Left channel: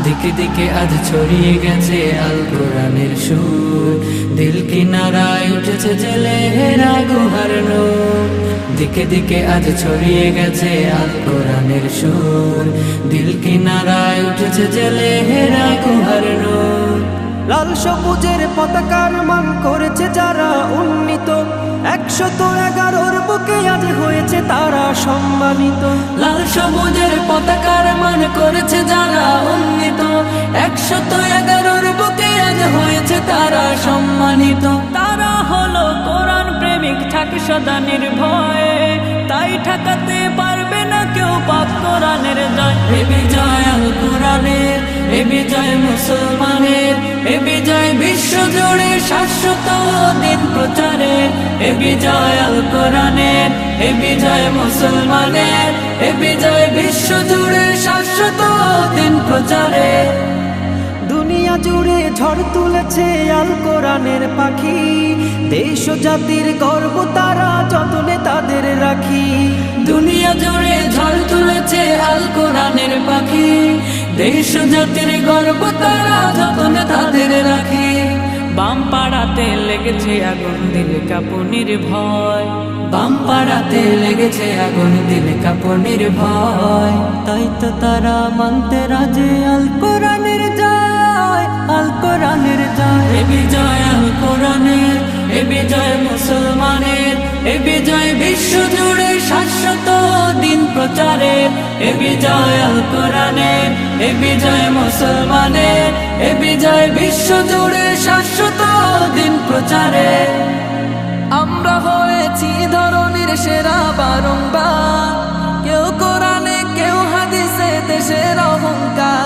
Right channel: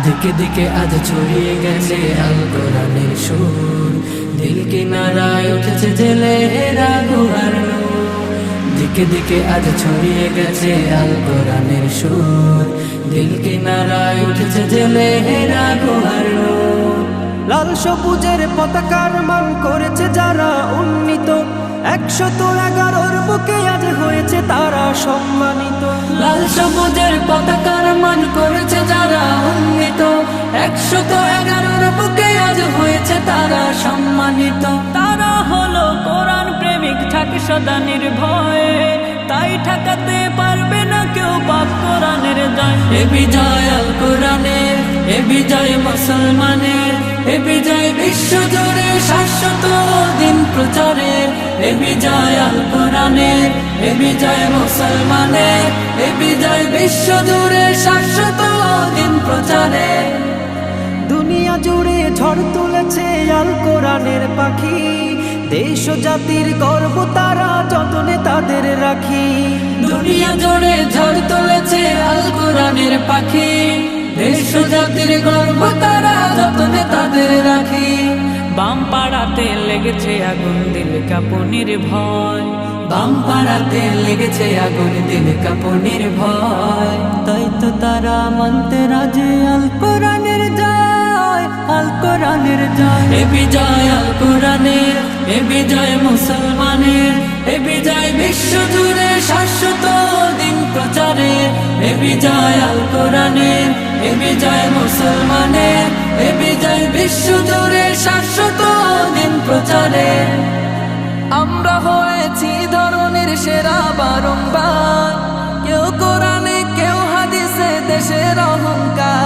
দিকে দিকে আজ ছড়িয়ে গেছে আল কোরআনের সুর, দিল কিনারায় উঠেছে জেলে হেরা গুহার নূর। দিকে দিকে আজ ছড়িয়ে গেছে আল কোরআনের সুর, দিল কিনারায় উঠেছে জেলে হেরা গুহার নূর। লাল সবুজের পতাকার মান করেছে যারা উন্নীত, 111 বুকে আজ হয়েছে তারা সম্মানিত। লাল সবুজের পতাকার মান করেছে যারা উন্নীত, 111 বুকে আজ হয়েছে তারা সম্মানিত। তারা হলো কোরআন প্রেমিক, থাকে সদা নির্ভয়ে, তাই ঠেকাতে পারবে না কেউ পাক কোরআনের জয়। এ বিজয় আল কোরআনের, এ বিজয় মুসলমানের, এ বিজয় বিশ্ব জুড়ে শাশ্বত দিন প্রচারে। এ বিজয় আল কোরআনের, এ বিজয় মুসলমানের, এ বিজয় বিশ্ব জুড়ে শাশ্বত দিন প্রচারে। দুনিয়া জুড়ে ঝড় তুলেছে আল কোরআনের পাখি, দেশ ও জাতির গর্ব তারা যতনে তাদের রাখি। দুনিয়া জুড়ে ঝড় তুলেছে আল কোরআনের পাখি, দেশ ও জাতির গর্ব তারা যতনে তাদের রাখি। বাম পাড়াতে লেগেছে আগুন, দিল কাঁপুনির ভয়। বাম পাড়াতে লেগেছে আগুন, দিল কাঁপুনির ভয়। তাই তো তারা মানতে রাজে আল কোরআনের জয়, আল কোরআনের জয়। এ বিজয় আল কোরআনের, এ বিজয় মুসলমানের, এ বিজয় বিশ্ব জুড়ে শাশ্বত দিন প্রচারে। এ বিজয় আল কোরআনের, এ বিজয় মুসলমানের, এ বিজয় বিশ্ব জুড়ে শাশ্বত দিন প্রচারে। আমরা হয়েছি ধরনের সেরা বারংবার, কেউ কোরআনে কেউ হাদিসে দেশের অহংকার।